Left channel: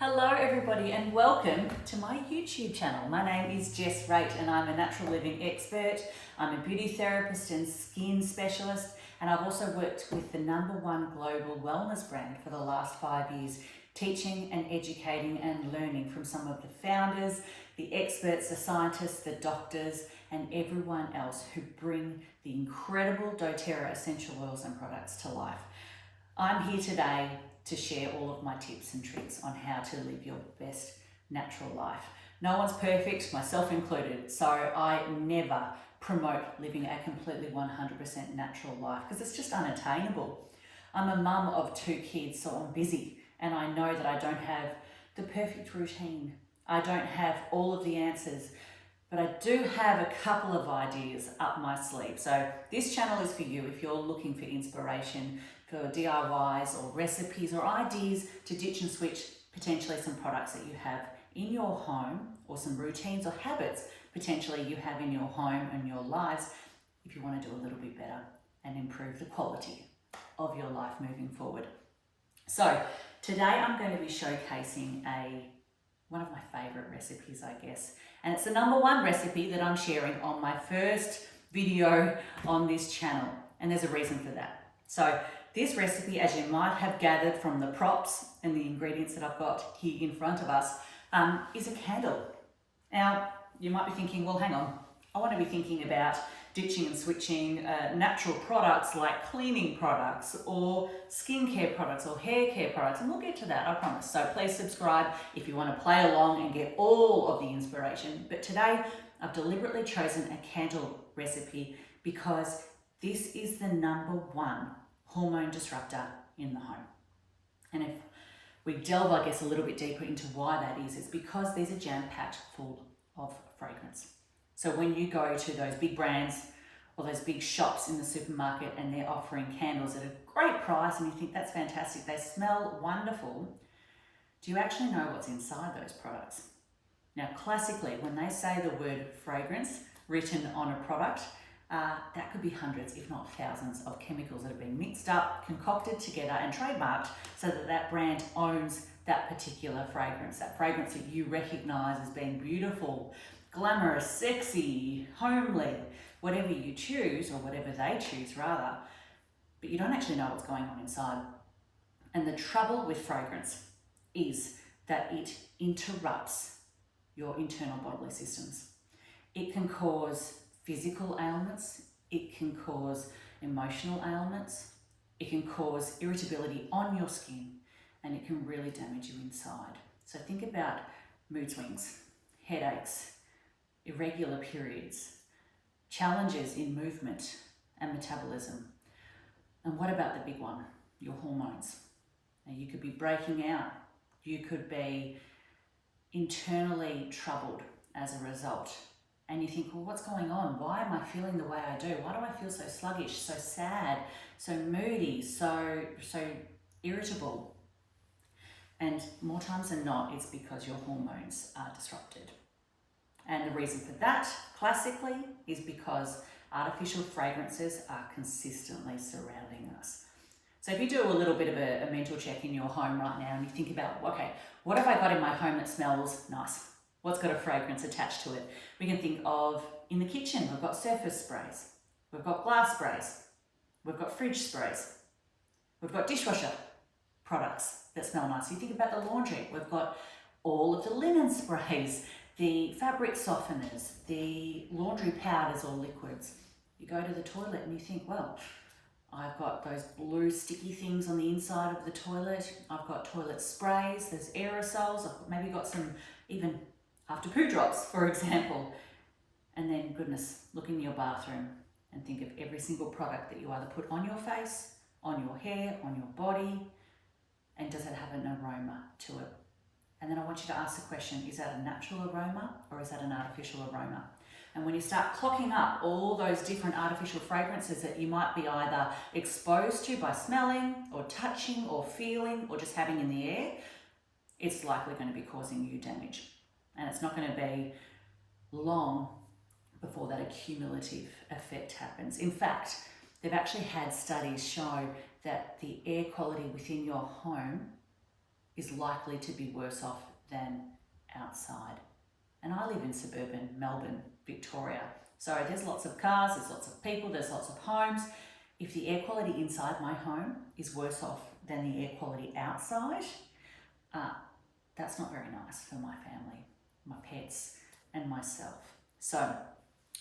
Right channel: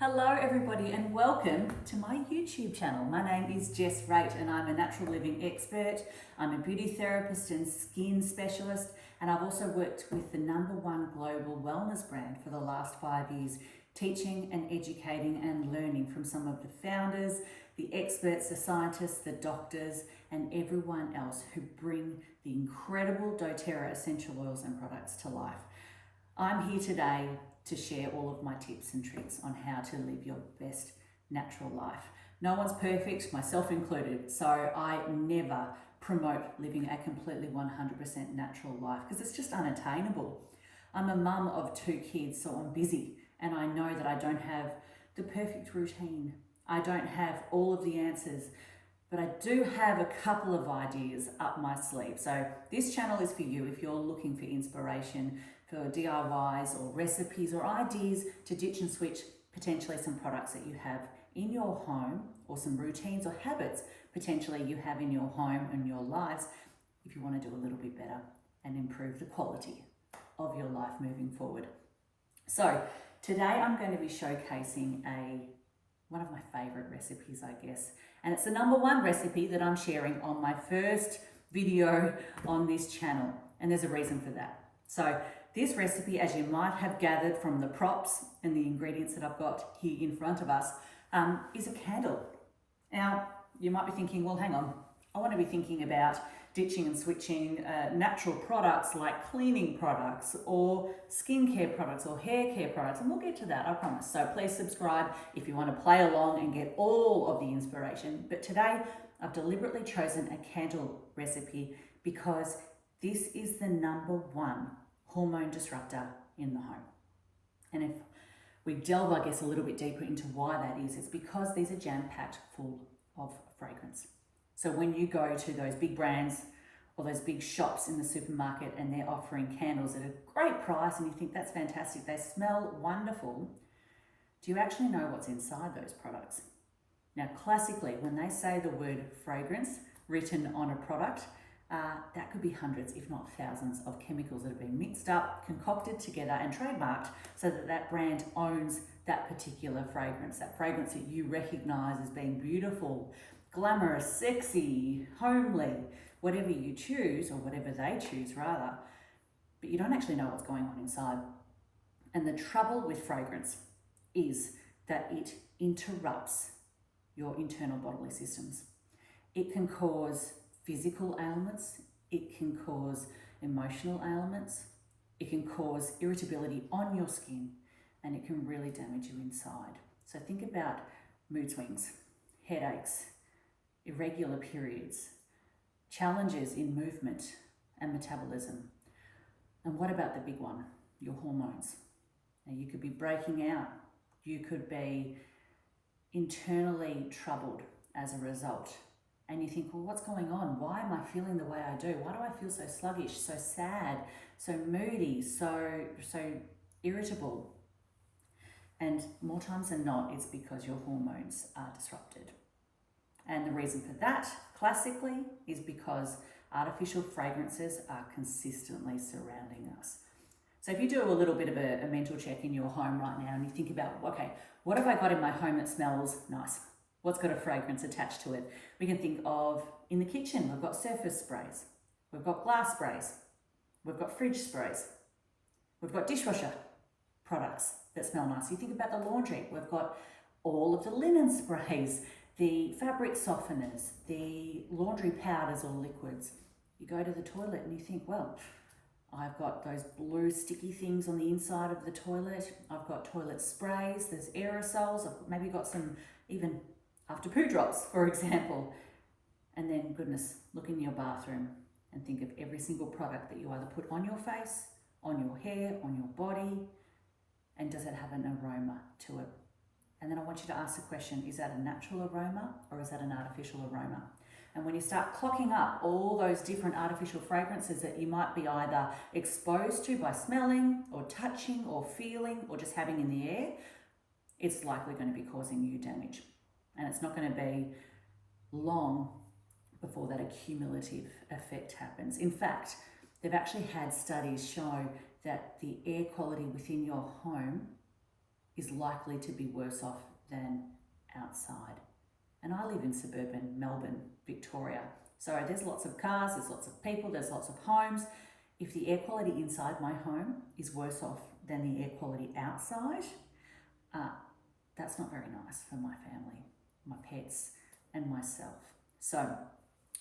Hello everybody and welcome to my YouTube channel. My name is Jess Raitt and I'm a natural living expert. I'm a beauty therapist and skin specialist, and I've also worked with the #1 global wellness brand for the last 5 years, teaching and educating and learning from some of the founders, the experts, the scientists, the doctors and everyone else who bring the incredible doTERRA essential oils and products to life. I'm here today to share all of my tips and tricks on how to live your best natural life. No one's perfect, myself included, so I never promote living a completely 100% natural life because it's just unattainable. I'm a mum of 2 kids, so I'm busy, and I know that I don't have the perfect routine. I don't have all of the answers, but I do have a couple of ideas up my sleeve. So this channel is for you if you're looking for inspiration for DIYs or recipes or ideas to ditch and switch potentially some products that you have in your home, or some routines or habits potentially you have in your home and your lives, if you want to do a little bit better and improve the quality of your life moving forward. So today I'm going to be showcasing one of my favorite recipes, I guess, and it's the #1 recipe that I'm sharing on my first video on this channel, and there's a reason for that. So this recipe, as you might have gathered from the props and the ingredients that I've got here in front of us, is a candle. Now, you might be thinking, well, hang on, I want to be thinking about ditching and switching natural products like cleaning products or skincare products or hair care products, and we'll get to that, I promise. So please subscribe if you want to play along and get all of the inspiration. But today, I've deliberately chosen a candle recipe because this is the #1 hormone disruptor in the home. And if we delve, I guess, a little bit deeper into why that is, it's because these are jam-packed full of fragrance. So when you go to those big brands or those big shops in the supermarket and they're offering candles at a great price and you think that's fantastic, they smell wonderful, do you actually know what's inside those products? Now, classically, when they say the word fragrance written on a product, that could be hundreds, if not thousands, of chemicals that have been mixed up, concocted together and trademarked so that that brand owns that particular fragrance that you recognize as being beautiful, glamorous, sexy, homely, whatever you choose, or whatever they choose rather, but you don't actually know what's going on inside. And the trouble with fragrance is that it interrupts your internal bodily systems. It can cause physical ailments, it can cause emotional ailments, it can cause irritability on your skin, and it can really damage you inside. So think about mood swings, headaches, irregular periods, challenges in movement and metabolism. And what about the big one, your hormones? Now, you could be breaking out, you could be internally troubled as a result. And you think, well, what's going on? Why am I feeling the way I do? Why do I feel so sluggish, so sad, so moody, so irritable? And more times than not, it's because your hormones are disrupted. And the reason for that, classically, is because artificial fragrances are consistently surrounding us. So if you do a little bit of a mental check in your home right now and you think about, okay, what have I got in my home that smells nice? What's got a fragrance attached to it? We can think of, in the kitchen, we've got surface sprays, we've got glass sprays, we've got fridge sprays, we've got dishwasher products that smell nice. You think about the laundry, we've got all of the linen sprays, the fabric softeners, the laundry powders or liquids. You go to the toilet and you think, well, I've got those blue sticky things on the inside of the toilet, I've got toilet sprays, there's aerosols, I've maybe got some even after poo drops, for example. And then, goodness, look in your bathroom and think of every single product that you either put on your face, on your hair, on your body, and does it have an aroma to it? And then I want you to ask the question, is that a natural aroma or is that an artificial aroma? And when you start clocking up all those different artificial fragrances that you might be either exposed to by smelling or touching or feeling or just having in the air, it's likely going to be causing you damage. And it's not going to be long before that accumulative effect happens. In fact, they've actually had studies show that the air quality within your home is likely to be worse off than outside. And I live in suburban Melbourne, Victoria. So there's lots of cars, there's lots of people, there's lots of homes. If the air quality inside my home is worse off than the air quality outside, that's not very nice for my family, my pets, and myself. So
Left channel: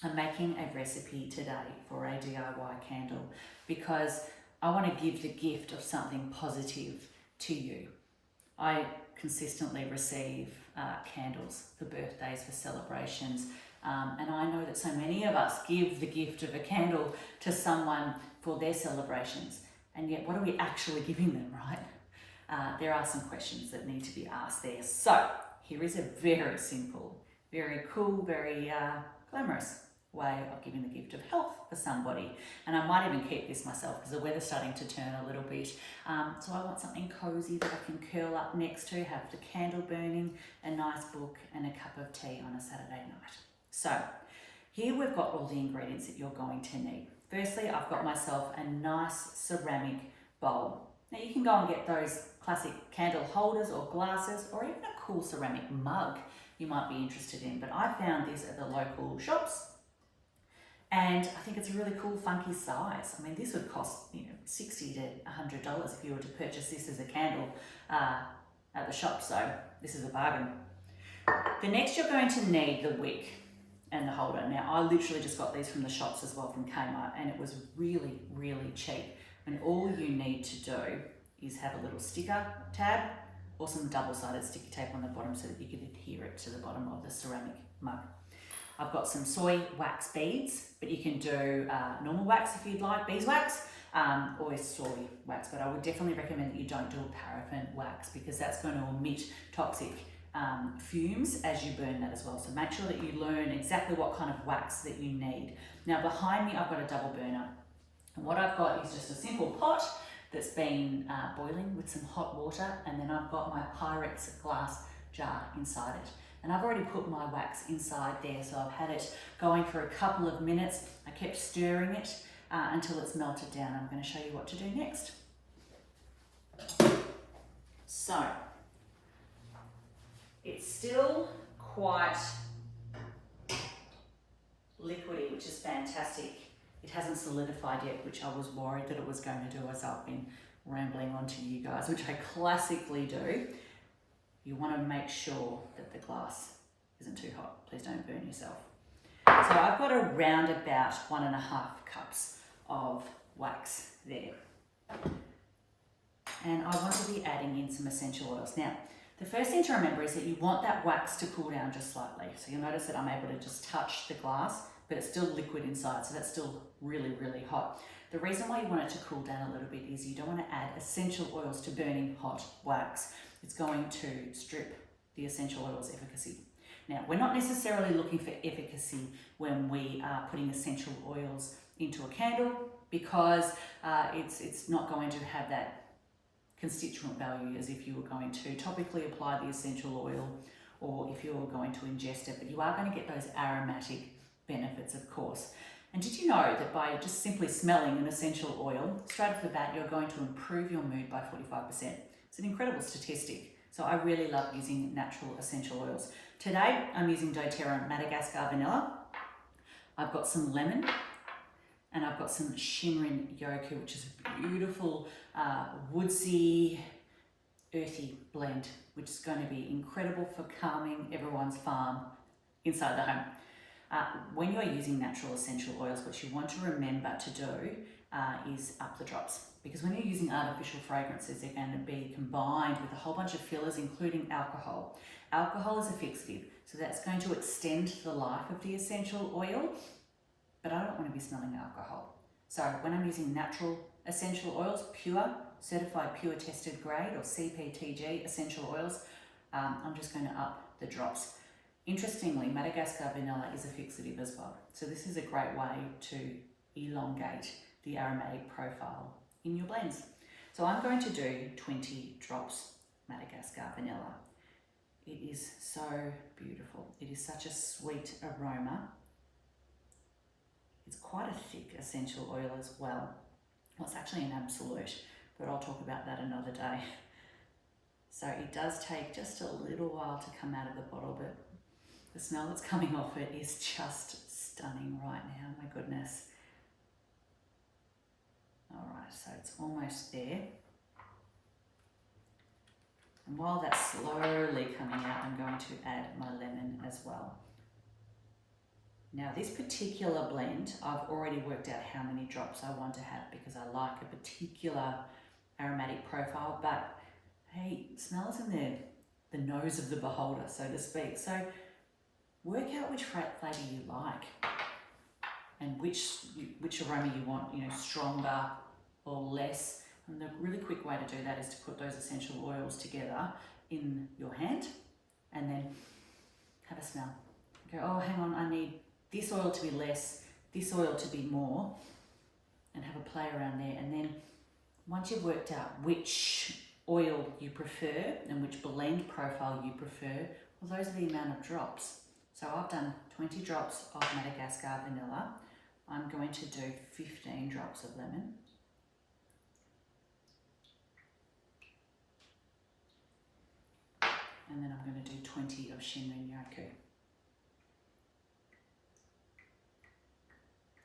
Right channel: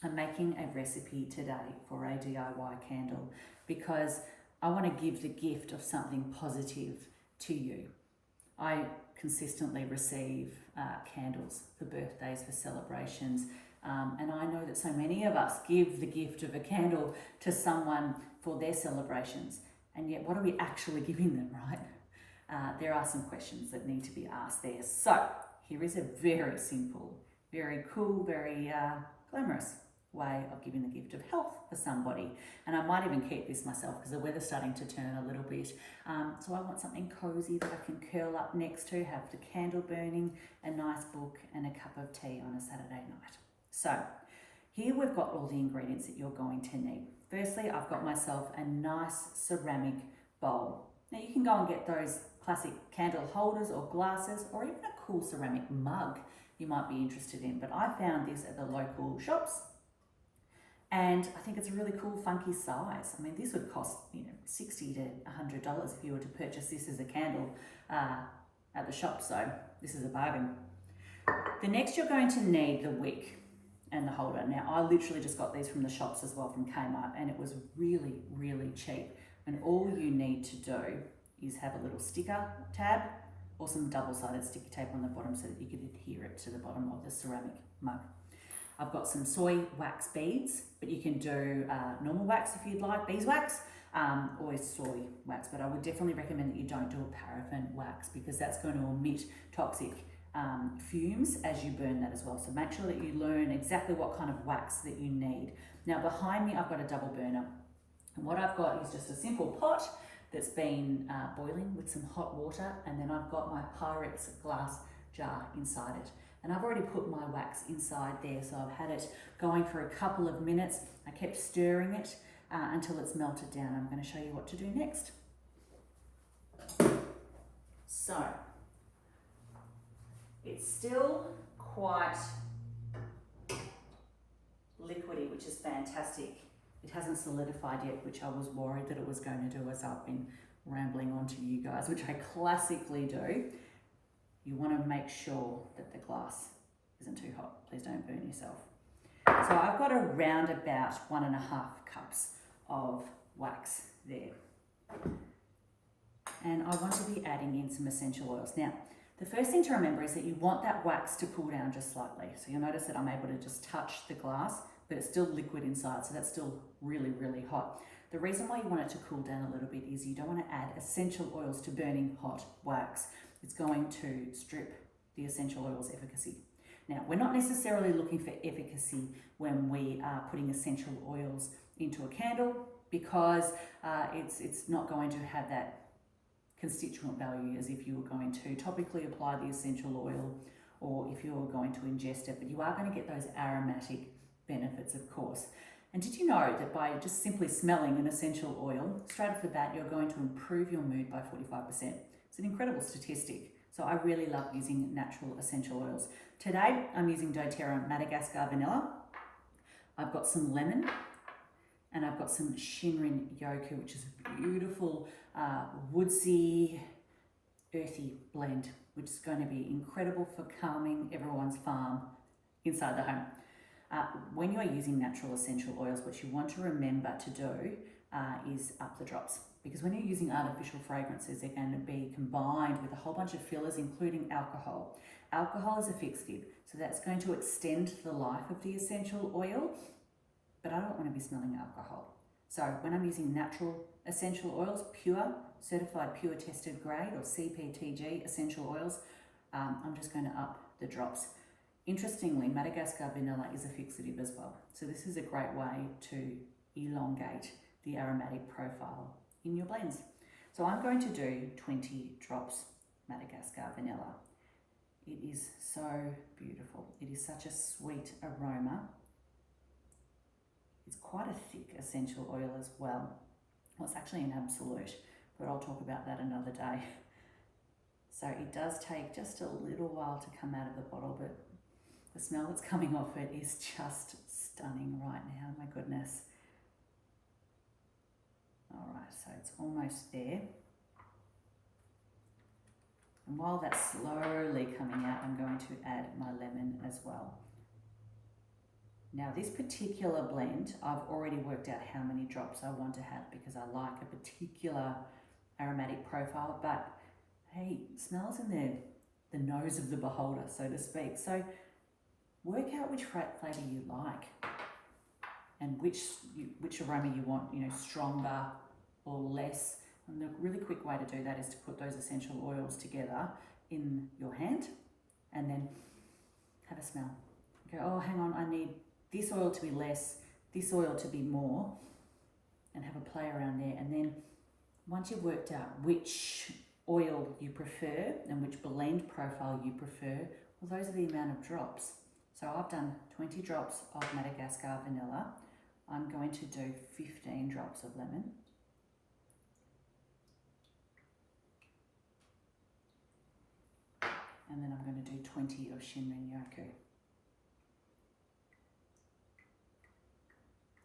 I'm making a recipe today for a DIY candle because I want to give the gift of something positive to you. I consistently receive candles for birthdays, for celebrations, and I know that so many of us give the gift of a candle to someone for their celebrations, and yet what are we actually giving them, right? There are some questions that need to be asked there. So here is a very simple, very cool, very glamorous way of giving the gift of health for somebody. And I might even keep this myself because the weather's starting to turn a little bit. So I want something cozy that I can curl up next to, have the candle burning, a nice book and a cup of tea on a Saturday night. So here we've got all the ingredients that you're going to need. Firstly, I've got myself a nice ceramic bowl. Now you can go and get those classic candle holders or glasses, or even a cool ceramic mug you might be interested in. But I found this at the local shops, and I think it's a really cool, funky size. I mean, this would cost $60 to $100 if you were to purchase this as a candle at the shop. So this is a bargain. The next, you're going to need the wick and the holder. Now, I literally just got these from the shops as well, from Kmart, and it was really, really cheap. And all you need to do is have a little sticker tab or some double-sided sticky tape on the bottom so that you can adhere it to the bottom of the ceramic mug. I've got some soy wax beads, but you can do normal wax if you'd like, beeswax, or soy wax, but I would definitely recommend that you don't do a paraffin wax because that's going to emit toxic fumes as you burn that as well. So make sure that you learn exactly what kind of wax that you need. Now behind me I've got a double burner, and what I've got is just a simple pot that's been boiling with some hot water, and then I've got my Pyrex glass jar inside it. And I've already put my wax inside there, so I've had it going for a couple of minutes. I kept stirring it until it's melted down. I'm going to show you what to do next. So, it's still quite liquidy, which is fantastic. It hasn't solidified yet, which I was worried that it was going to do as I've been rambling on to you guys, which I classically do. You want to make sure that the glass isn't too hot. Please don't burn yourself. So I've got around about 1.5 cups of wax there. And I want to be adding in some essential oils. Now, the first thing to remember is that you want that wax to cool down just slightly. So you'll notice that I'm able to just touch the glass, but it's still liquid inside, so that's still really, really hot. The reason why you want it to cool down a little bit is you don't want to add essential oils to burning hot wax. It's going to strip the essential oils efficacy. Now, we're not necessarily looking for efficacy when we are putting essential oils into a candle because it's not going to have that constituent value as if you were going to topically apply the essential oil or if you were going to ingest it, but you are going to get those aromatic benefits, of course. And did you know that by just simply smelling an essential oil, straight off the bat, you're going to improve your mood by 45%? It's an incredible statistic. So I really love using natural essential oils. Today, I'm using doTERRA Madagascar Vanilla. I've got some lemon, and I've got some Shinrin Yoku, which is a beautiful woodsy, earthy blend, which is going to be incredible for calming everyone's farm inside the home. When you are using natural essential oils, what you want to remember to do is up the drops. Because when you're using artificial fragrances, they're going to be combined with a whole bunch of fillers, including alcohol. Alcohol is a fixative, so that's going to extend the life of the essential oil, but I don't want to be smelling alcohol. So when I'm using natural essential oils, pure, certified pure tested grade or CPTG essential oils, I'm just going to up the drops. Interestingly, Madagascar Vanilla is a fixative as well. So this is a great way to elongate the aromatic profile in your blends. So I'm going to do 20 drops Madagascar Vanilla. It is so beautiful. It is such a sweet aroma. It's quite a thick essential oil as well. Well, it's actually an absolute, but I'll talk about that another day. So it does take just a little while to come out of the bottle, but the smell that's coming off it is just stunning right now. My goodness. All right, so it's almost there. And while that's slowly coming out, I'm going to add my lemon as well. Now this particular blend, I've already worked out how many drops I want to have because I like a particular aromatic profile, but hey, smell is in the nose of the beholder, so to speak. So work out which flavour you like and which aroma you want, stronger or less. And the really quick way to do that is to put those essential oils together in your hand and then have a smell. Go, oh, hang on, I need this oil to be less, this oil to be more, and have a play around there. And then once you've worked out which oil you prefer and which blend profile you prefer, well, those are the amount of drops. So I've done 20 drops of Madagascar vanilla. I'm going to do 15 drops of lemon. And then I'm going to do 20 of Shinrin Yoku.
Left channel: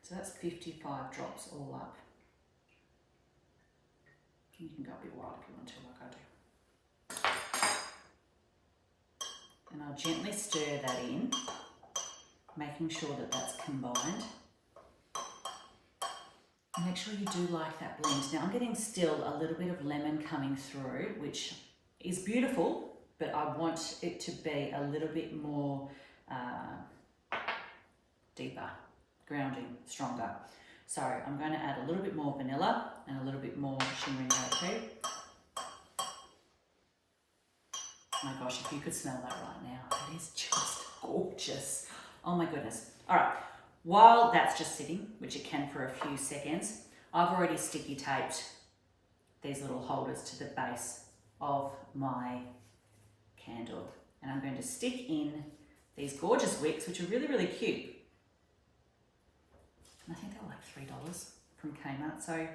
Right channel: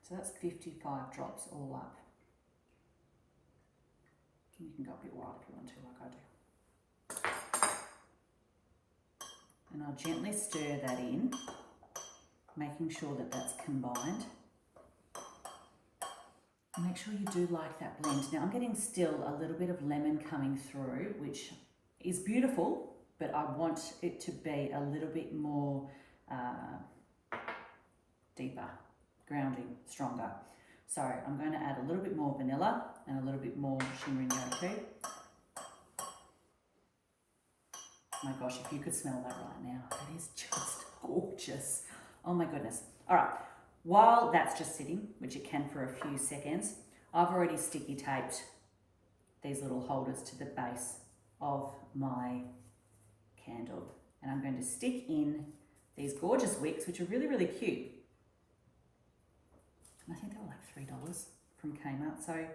So that's 55 drops all up. You can go a bit wild if you want to, like I do. And I'll gently stir that in, making sure that that's combined. And make sure you do like that blend. Now I'm getting still a little bit of lemon coming through, which is beautiful, but I want it to be a little bit more deeper, grounding, stronger. So I'm going to add a little bit more vanilla and a little bit more Shinrin Yoku. My gosh, if you could smell that right now, that is just gorgeous. Oh my goodness. All right, while that's just sitting, which it can for a few seconds, I've already sticky taped these little holders to the base of my candle. And I'm going to stick in these gorgeous wicks, which are really, really cute. And I think they were like $3 from Kmart. So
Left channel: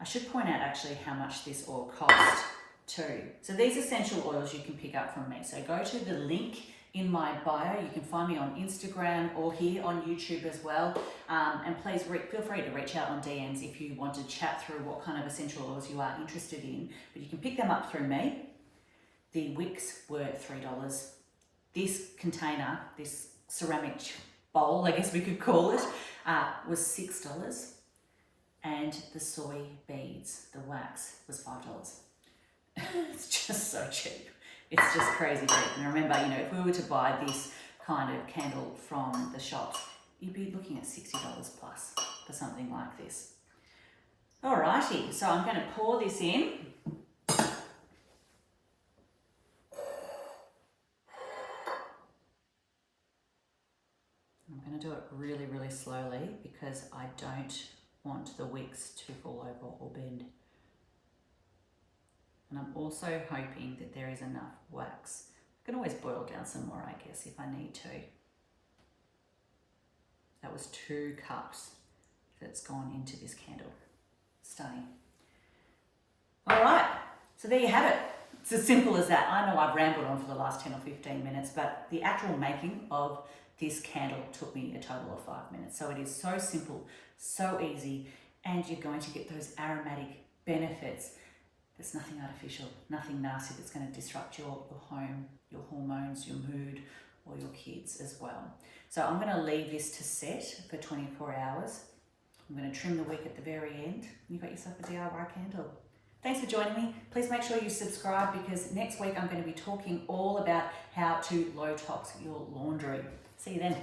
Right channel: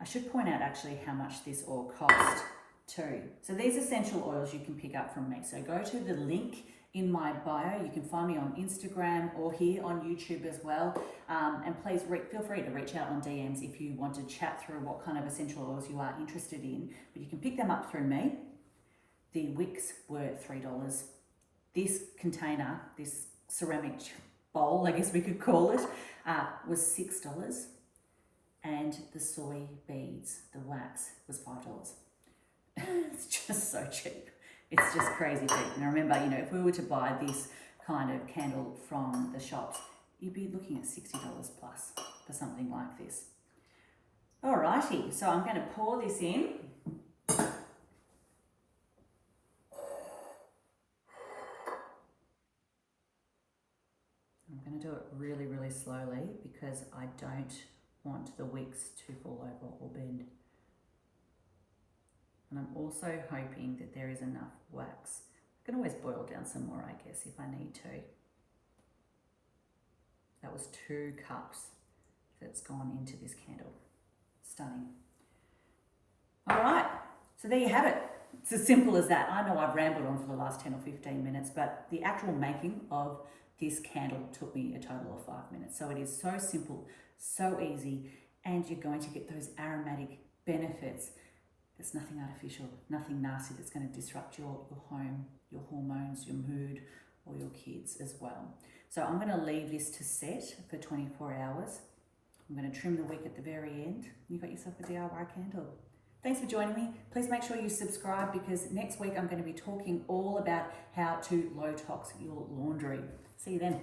I should point out actually how much this oil cost too. So these essential oils you can pick up from me. So go to the link in my bio. You can find me on Instagram or here on YouTube as well. And please feel free to reach out on DMs if you want to chat through what kind of essential oils you are interested in. But you can pick them up through me. The wicks were $3. This container, this ceramic bowl, I guess we could call it, was $6. And the soy beads, the wax, was $5. It's just so cheap. It's just crazy cheap. And remember, if we were to buy this kind of candle from the shops, you'd be looking at $60 plus for something like this. Alrighty, so I'm going to pour this in. I'm going to do it really, really slowly because I don't want the wicks to fall over or bend. And I'm also hoping that there is enough wax. I can always boil down some more, I guess, if I need to. That was 2 cups that's gone into this candle. Stunning. All right, so there you have it. It's as simple as that. I know I've rambled on for the last 10 or 15 minutes, but the actual making of this candle took me a total of 5 minutes. So it is so simple, so easy, and you're going to get those aromatic benefits. There's nothing artificial, nothing nasty that's going to disrupt your home, your hormones, your mood, or your kids as well. So I'm going to leave this to set for 24 hours. I'm going to trim the wick at the very end. You've got yourself a DIY candle. Thanks for joining me. Please make sure you subscribe because next week I'm going to be talking all about how to low tox your laundry. See you then.